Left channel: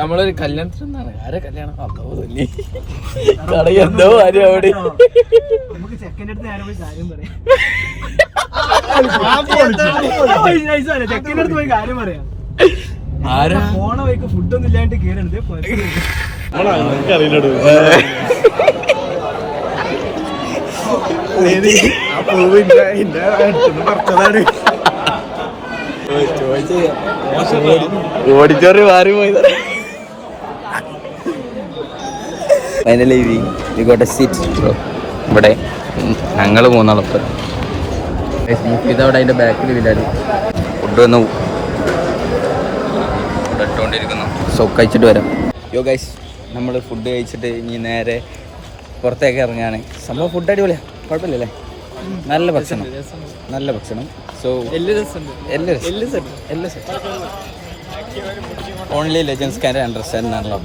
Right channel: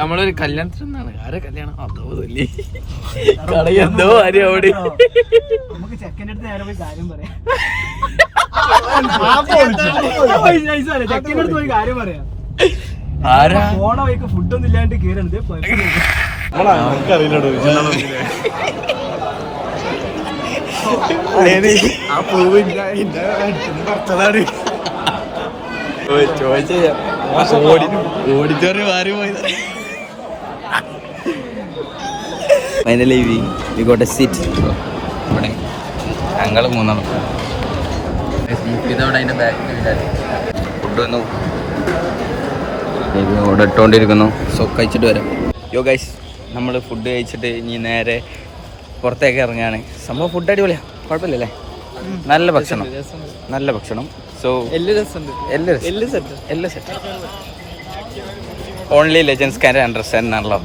നമ്മളൊരു കല്യാണത്തിനാണ്. ആരെ കല്യാണം? എന്തോ കാര്യം അവിടെ. നമുക്ക് ചെക്കൻ്റെ അടുത്ത് നേരെ പോയി കാര്യം പറയാം. ചെക്കൻ്റെ അടുത്ത് പോയി കാര്യം പറയാം. പോണ വഴിക്ക് ഫുഡൊന്നും ഇല്ലാണ്ട് കേറണത്. ഓഡിറ്റോറിയം മാറി പോയി. Finally we got A seat. ഇവിടെ ഞങ്ങൾ മൂന്നാളൊക്കെ ഇതവിടെ അതിന്റെ ബാക്കിൽ ഇല്ലായിരുന്നു. ഫുഡ് വന്നു, ഫുഡ് ഇട്ടുകൊണ്ടിരിക്കുന്നു. സോ കഴിച്ചിട്ട് വരാം. യോ ഗൈസ്, നമ്മൾ ഫുഡ് കഴിച്ചിട്ട് ഇനി നേരെ പുറത്തേക്ക് ഇറങ്ങുകയാണ്. സംഭവം ഫുഡ് അടിപൊളിയാണ്, കുഴപ്പമില്ലല്ലേ? നല്ല ഭക്ഷണം, നല്ല ഭക്ഷണം. സോ എല്ലാം set. Only legends can understand ആണല്ലോ.